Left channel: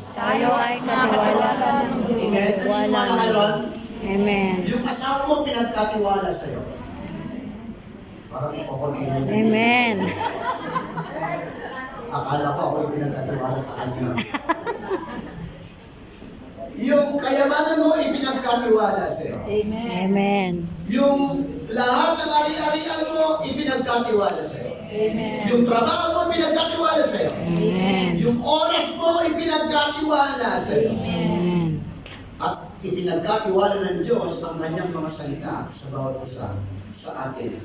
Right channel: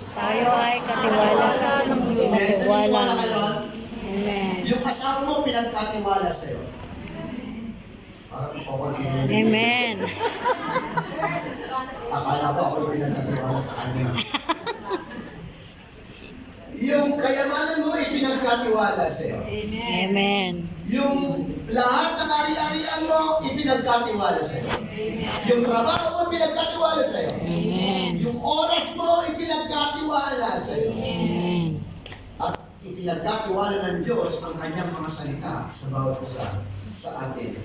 Tayo ay katiwala. Amen? Katiwala Naniniwala ka na. ron? Amen. Yung asawa mo pinagkatiwala sa'yo. Parang makukulitin. Amen. Akala ko ako yung pinagkatiwala sa kanya. Yung kayamanan mo ay pinagkatiwala sa'yo. Amen. Yung lahat ng ari-arian mo, ipinagkatiwala sa'yo. Amen. Yung trabaho mo, ipinagkatiwala sa'yo. Amen. Yung oras mo, ipinagkatiwala sa'yo. Amen. At ipinagkatiwala ng Diyos ang kanyang mga salita sa bawat isa sa atin.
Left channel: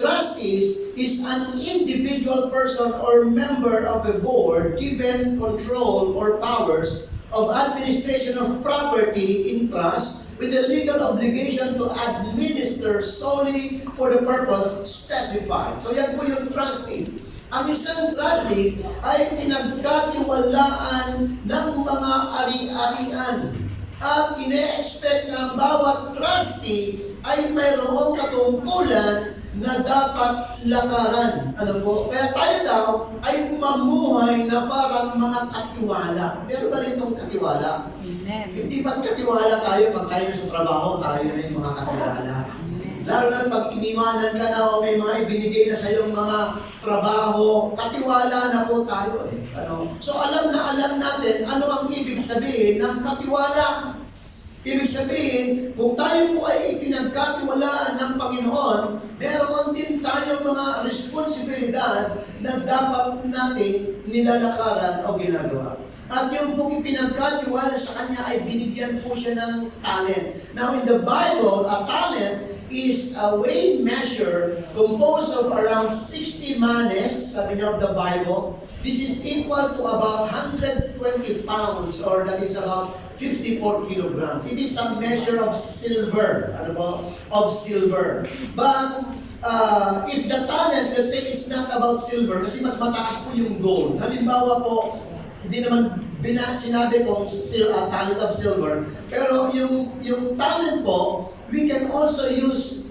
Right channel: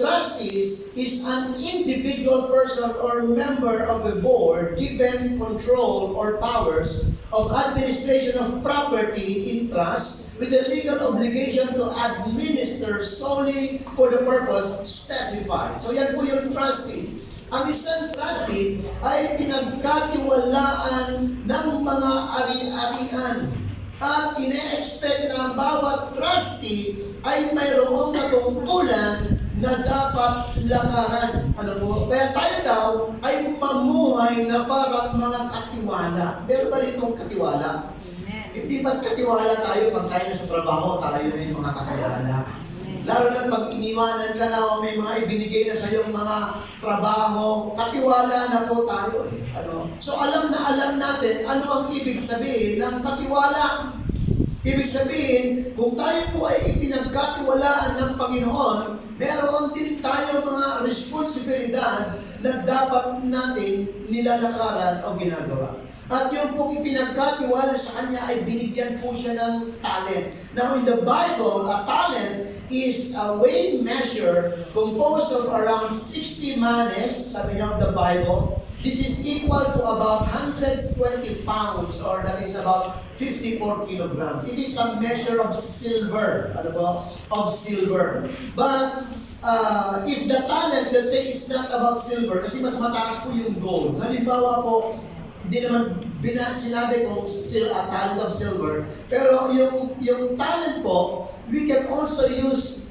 Trustees is an individual person or member of a board given control or powers of administration of property in trust with the legal obligation to administer solely for the purpose specified. So yan po yung trustee. Ang isang trustee ay pinagkatiwalaan ng mga ari-arian at ine-expect na ang bawat trustee ay mayroong katungkulan na dapat lakaran. Ano po? Kaya tayo daw ay mamuhay na parang mga katiwala. Meron ba itong katiwala? Amen. Hindi ba't katiwala tayo pag tayo sa trabaho, tayo na yung mga katiwala? Lalo na pag iniwanan ka na o may mga ibinigay na sa iyong mga trabaho, katiwala na po tayo eh. Ano? So alam na alam natin ano ang ibig sabihin ng katiwala. Ibig sabihin, kung tayo po ay ipinagkatiwalaan ng Panginoon, meron din tayo mga responsibilidad na dapat natin nilalakaran o ginagawa. At yung pong ipinagkatiwala sa Kanya ay binigyan po siya ng talent. Now in the Bible, a talent is a weighing measure composed of around 60 manes, sabi niya of the Bible. This is equal to about 120 pounds or that is about 54 kilograms. It is a measure of silver. Ano ba? Of silver. But if the talents, let's say it's not about silver kasi mas mataas po yung gold. Halimbawa po, hindi naman sinabi kong talent of silver, pero yung talent po, we can also use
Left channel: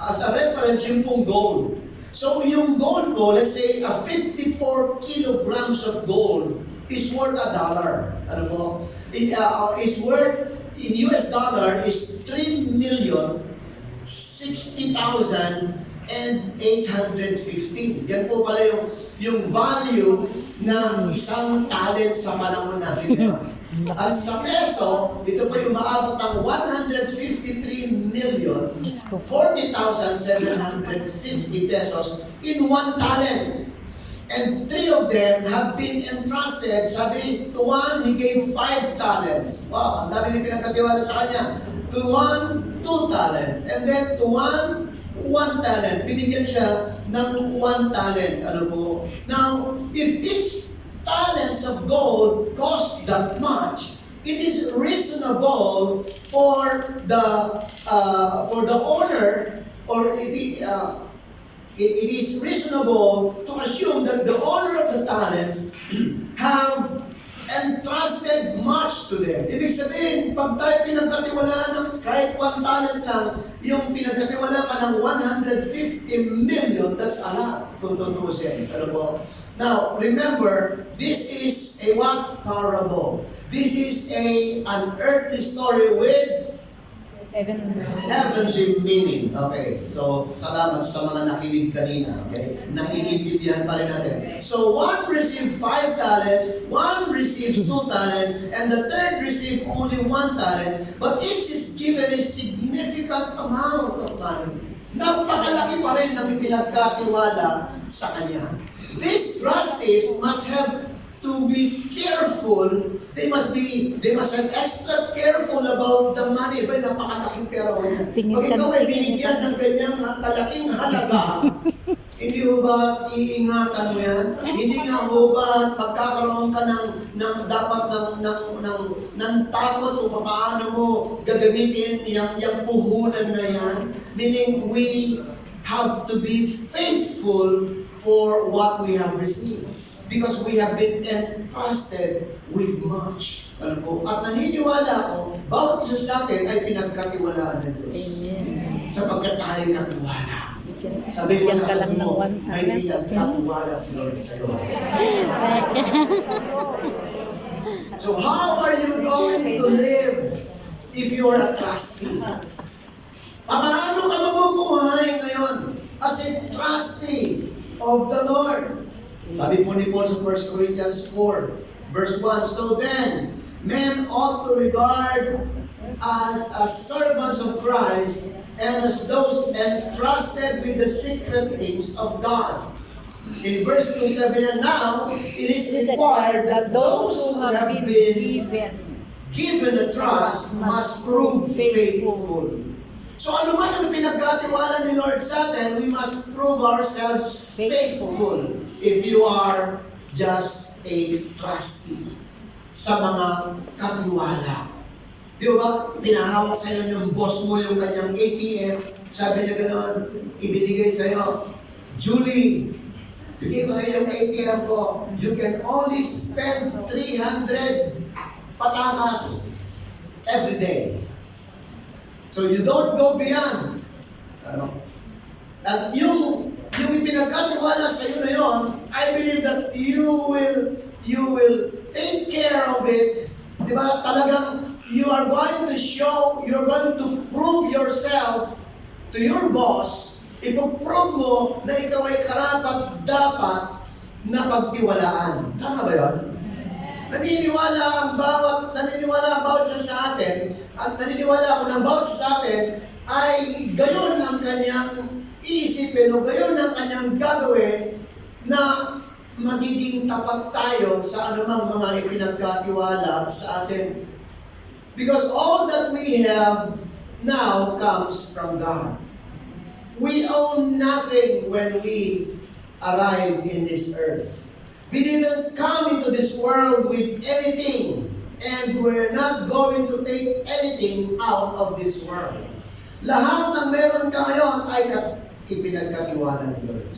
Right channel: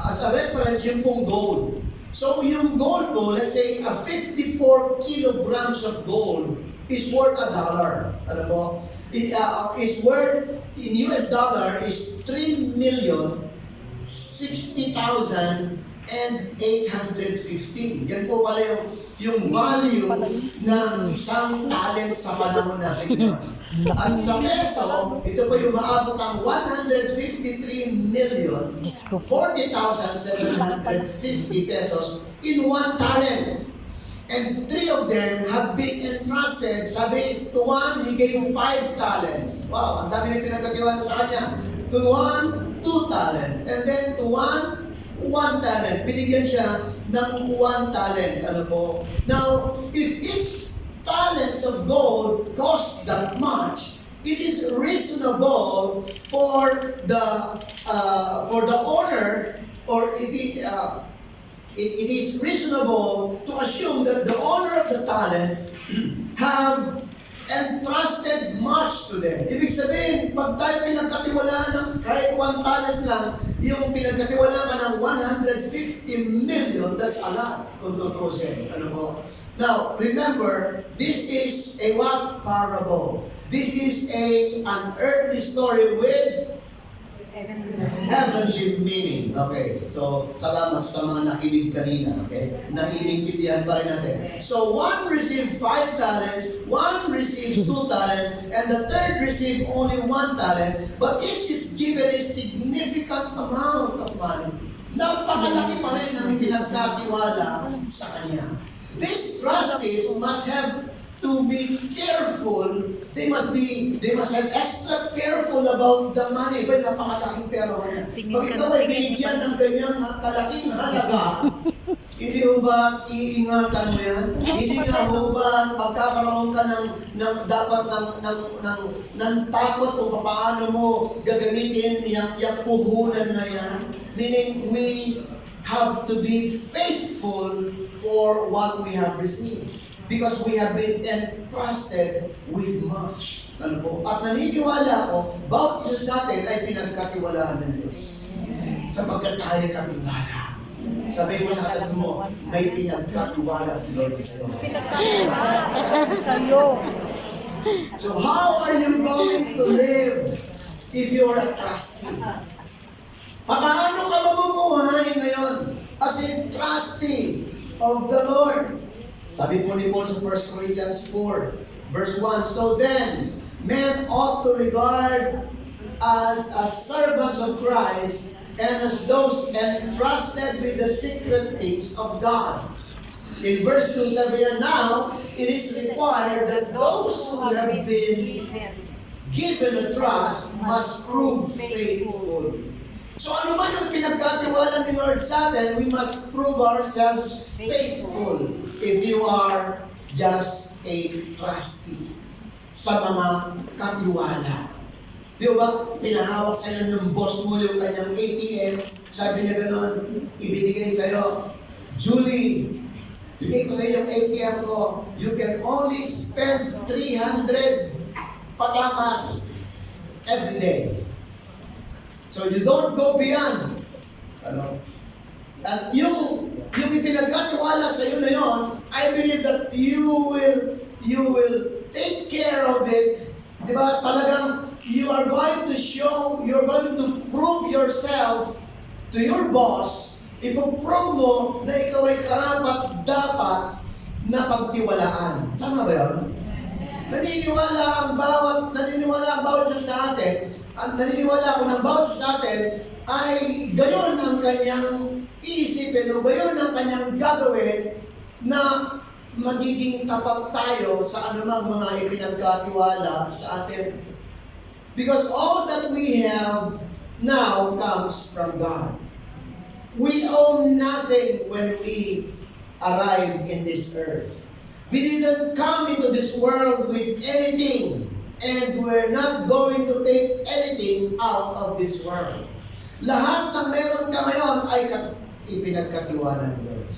as a reference yung pong gold. So yung gold po, let's say a 54 kilograms of gold is worth $1. Ano po? Is worth in US dollar is 3,060,815. Yan po pala yung value ng isang talent sa panahon natin ngayon. At sa peso, ito po yung maabot ang 153,040,750 pesos in one talent. And 3 of them have been entrusted. Sabi, to one, he gave 5 talents. Wow, ang dami rin pinagkatiwala sa kanya. To one, 2 talents. And then to one, 1 talent. Binigyan siya ng 1 talent. Ano po? Now, if each talents of gold cost that much, it is reasonable for the owner, or it is reasonable to assume that the owner of the talents have entrusted much to them. Ibig sabihin, pag tayo pinagkatiwalaan ng kahit 1 talent lang, yung pinagkatiwalaan ka ng 150 million, that's a lot kung tutusin. Ano po? Now, remember, this is a what? Parable. This is an earthly story with heavenly meaning. Okay, so salamat sa mga nakinig kanina. Okay, naiintindihan pa rin natin. So one received 5 talents, one received 2 talents, and the third received only 1 talent. But each is given a significant amount of money. Napakalaki pa rin ang pinagkatiwala sa kanya. These trustees must have to be careful. They must have extra careful about the money. Ba, napakalaking pera ko yan. Pag ikaw ay binigyan ng ganyang kalaking halaga, hindi ho ba iingatan mo yan? Hindi nga ho ba pagkakaroon ka ng dapat ng takot o paano mo gagamitin yung puhunan na yan? Meaning, we have to be faithful for what we have received. Because we have been entrusted with much. Ano po? At naniniwala ko, bawat isa sa atin ay pinagkatiwalaan ng Diyos. Sapagkat tayo katiwala. Sabi ko sa katabi mo, may pinagkatiwala si Lord sa iyo. So how are you going to live if you are a trustee? Paano ka mamumuhay ngayon as a trustee of the Lord? Sabi po ni Paul sa 1 Corinthians 4, verse 1, so then, men ought to regard us as servants of Christ and as those entrusted with the secret things of God. In verse 2, sabi niya, now, it is required that those who have been given a trust must prove faithful. So ano man ang pinagkatiwala ni Lord sa atin, we must prove ourselves faithful if you are just a trustee sa mga katiwala. Di ba? Pinahawak sa'yo ng boss mo yung kanyang ATM. Sabi niya gano'n, ibinigay sa'yo, Julie, bigay ko sa'yo yung ATM ko. You can only spend 300 patakas every day. So you don't go beyond. Ano? At yung ipinagkatiwala sa iyo na yon, I believe that you will take care of it. Di ba? Talagang you are going to show, you're going to prove yourself to your boss. Ipoprove mo na ikaw ay karapat dapat na pagtiwalaan. Tama ba yun? Naniniwala ang bawat isa sa atin, at naniniwala ako ng bawat isa sa atin ay gayon ang kanyang iisipin o gayon ang kanyang gagawin na magiging tapat tayo sa anumang mga ipinagkatiwala sa atin. Because all that we have now comes from God. We own nothing when we arrive in this earth. We didn't come into this world with anything, and we're not going to take anything out of this world. Lahat ng meron ka ngayon ay ipinagkatiwala ni Lord.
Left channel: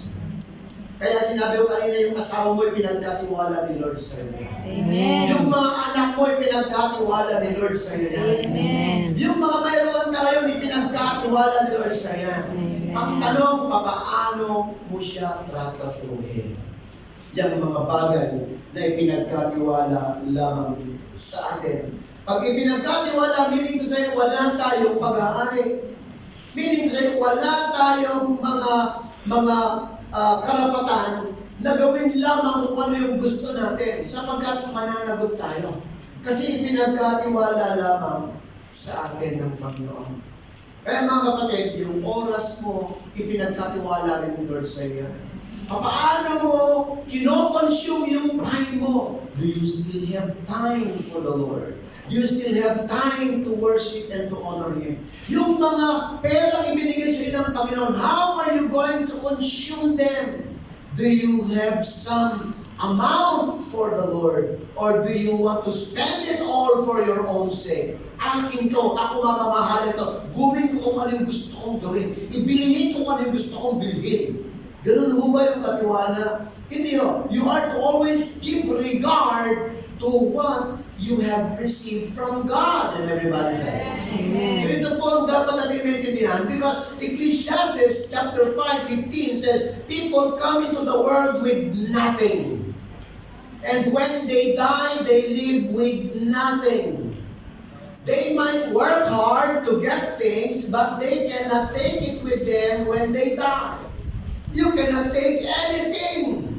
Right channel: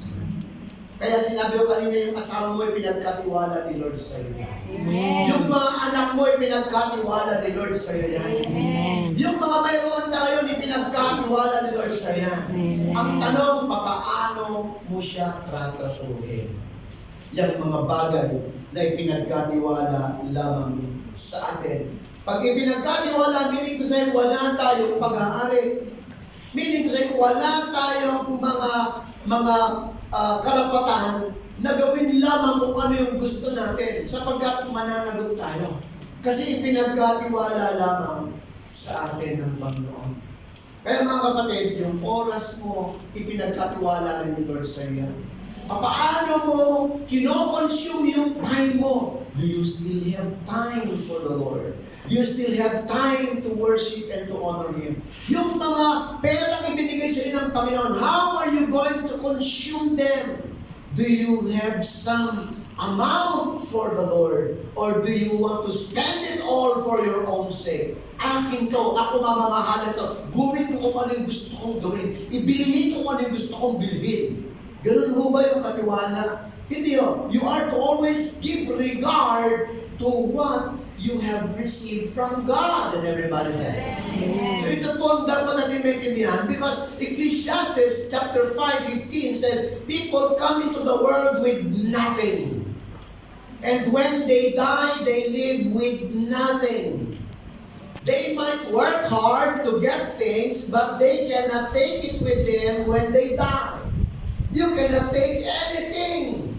Kaya sinabi ko kanina, yung asawa mo ipinagkatiwala ni Lord sa iyo. Amen. Yung mga anak mo ipinagkatiwala ni Lord sa iyo. Amen. Yung mga mayroon ka ngayon ipinagkatiwala ni Lord sa iyo. Ang tanong, papaano mo siya tratuhin? Yang mga bagay na ipinagkatiwala lamang sa atin. Pag ipinagkatiwala, meaning to say, wala tayong pag-aari. Meaning to say, wala tayong mga karapatan na gawin lamang kung ano yung gusto natin sapagkat mananagot tayo. Kasi ipinagkatiwala lamang sa atin ng Panginoon. Kaya mga kapatid, yung oras mo, ipinagkatiwala rin ni Lord sa iyo. Paano mo kino-consume yung time mo? Do you still have time for the Lord? Do you still have time to worship and to honor Him? Yung mga perang ibinigay sa iyo ng Panginoon, how are you going to consume them? Do you have some amount for the Lord? Or do you want to spend it all for your own sake? Akin to, ako mamamahalan to. Gawin ko kung ano yung gusto kong gawin. Ibilihin ko kung ano yung gusto kong bilhin. Ganun ho ba yung katiwala? Hindi ho. You are to always give regard to what you have received from God. And everybody says. Amen. So ito po ang dapat natin maintindihan because Ecclesiastes chapter 5:15 says, people come into the world with nothing. And when they die, they live with nothing. They might work hard to get things, but they cannot take it with them when they die. You cannot take anything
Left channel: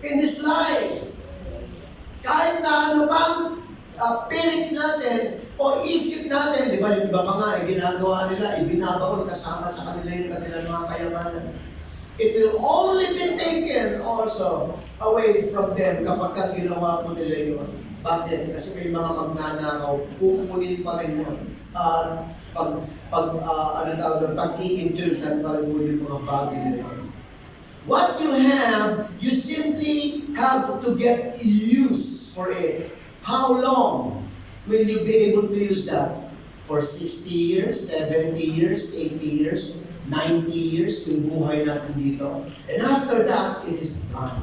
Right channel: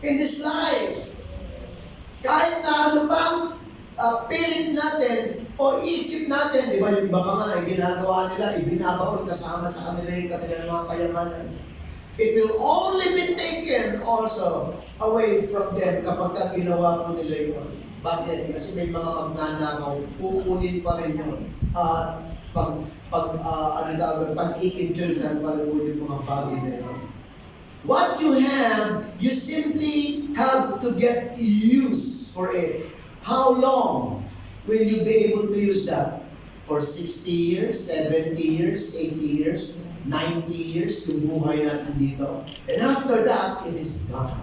in this life. Kahit na ano pang pilit natin o isip natin, di ba yung iba pa nga, ginagawa nila, ibinabaon kasama sa kanila yung kanilang mga kayamanan. It will only be taken also away from them kapag ginawa po nila yun. Bakit? Kasi may mga magnanakaw, kukunin pa rin yun. At pag-i-increasean pa rin yung mga bagay na yun. What you have, you simply have to get use for it. How long will you be able to use that? For 60 years, 70 years, 80 years, 90 years, yung buhay natin dito. And after that, it is gone.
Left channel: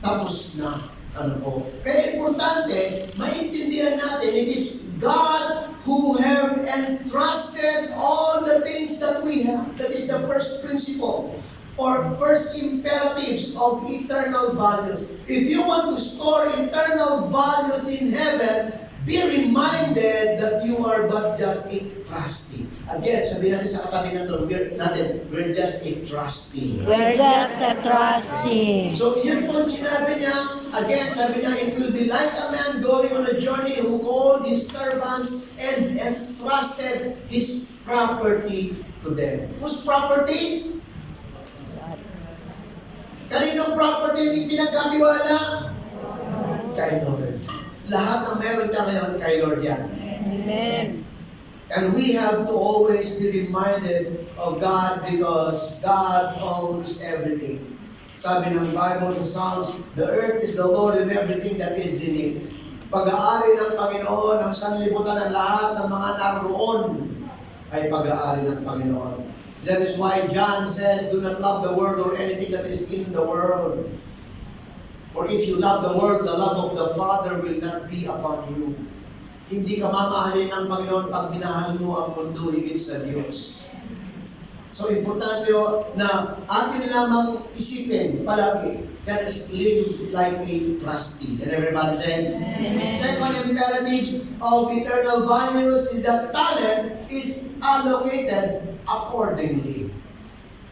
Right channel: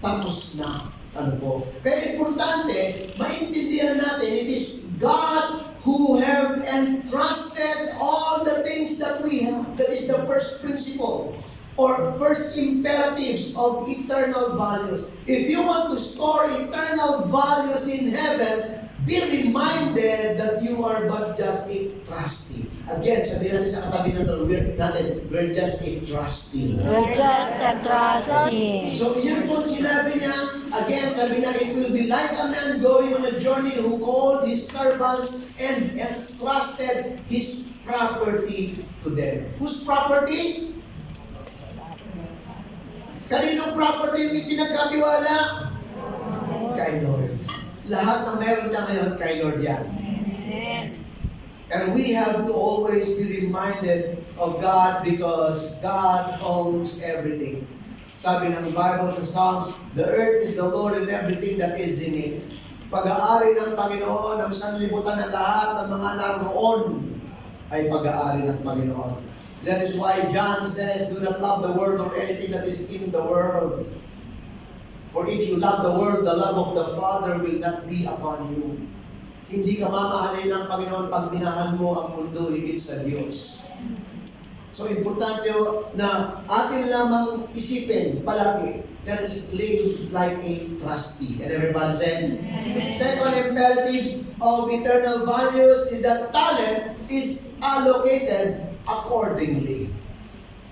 Tapos na. Ano po? Kaya importante, maintindihan natin, it is God who have entrusted all the things that we have. That is the first principle. or first imperatives of eternal values. If you want to store eternal values in heaven, be reminded that you are but just a trustee. Again, sabihin natin sa katabi natin, we're just a trustee. We're just a trustee. So yun po sinabi niya, again, sabi niya, it will be like a man going on a journey who called his servants and entrusted his property to them. Whose property? Kaninong property yung pinagkatiwala? Kay Lord. Lahat ng meron niya ngayon kay Lord yan. And we have to always be reminded of God because God owns everything. Sabi ng Bible sa Psalms, the earth is the Lord and everything that is in it. Pag-aari ng Panginoon, ang sanlibutan ng lahat ng mga naroon ay pag-aari ng Panginoon. That is why John says, do not love the world or anything that is in the world. For if you love the world, the love of the Father will not be upon you. Hindi ka mamahalin ng Panginoon pag minahal mo ang mundo higit sa Diyos. So, importante na atin lamang isipin palagi that is live like a trustee. And everybody said, second imperative of eternal values is that talent is allocated accordingly.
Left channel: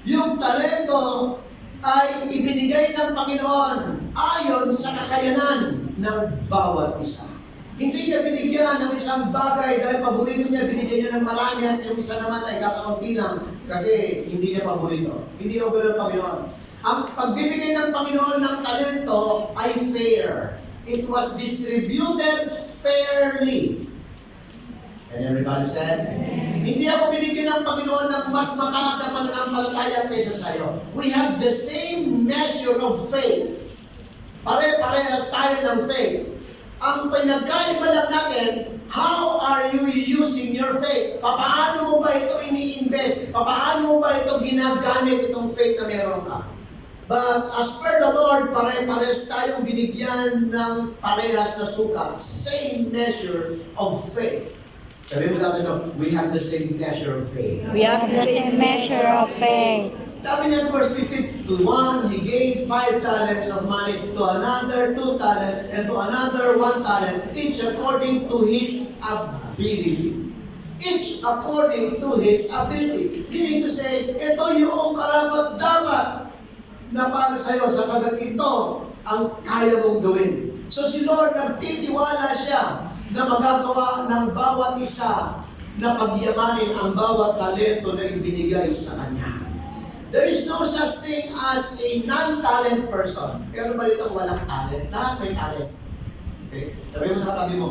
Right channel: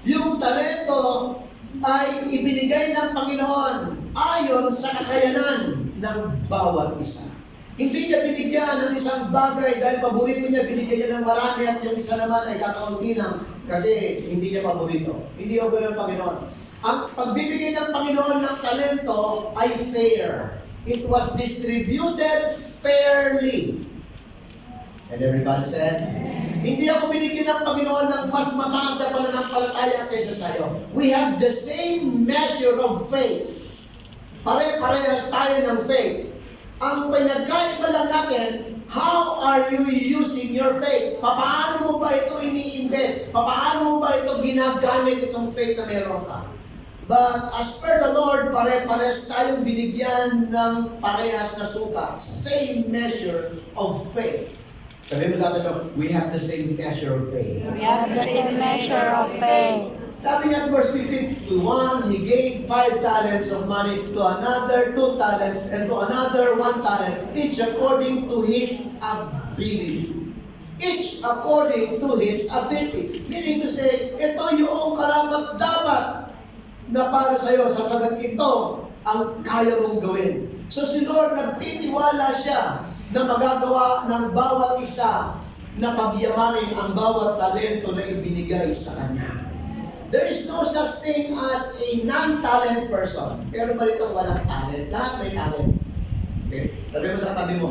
Yung talento ay ibinigay ng Panginoon ayon sa kakayanan ng bawat isa. Hindi niya binigyan ng isang bagay dahil paborito niya, binigyan niya ng marami at yung isa naman ay kakaunti lang kasi hindi niya paborito. Hindi ako ng Panginoon. Ang pagbibigay ng Panginoon ng talento ay fair. It was distributed fairly. And everybody said, hindi ako binigyan ng Panginoon ng mas mataas na pananampalataya kaysa sa'yo. We have the same measure of faith. Pare-parehas tayo ng faith. Ang pinagkaiba lang natin, how are you using your faith? Paano mo ba ito ini-invest? Paano mo ba ito ginagamit itong faith na meron ka? But as per the Lord, pare-parehas tayong binigyan ng parehas na sukat. Same measure of faith. Sabi mo sa atin, we have the same measure of faith. We have the same measure of faith. Sabi niya verse 15, to one he gave 5 talents of money, to another 2 talents, and to another 1 talent, each according to his ability. Each according to his ability. Meaning to say, ito yung karapat-dapat na para sa'yo, sapagkat ito ang kaya mong gawin. So si Lord, nagtitiwala siya na magagawa ng bawat isa na pagyamanin ang bawat talento na ibinigay sa kanya. There is no such thing as a non-talent person. Pero ba ito walang talent? Lahat may talent. Okay? Sabi mo sa tabi mo,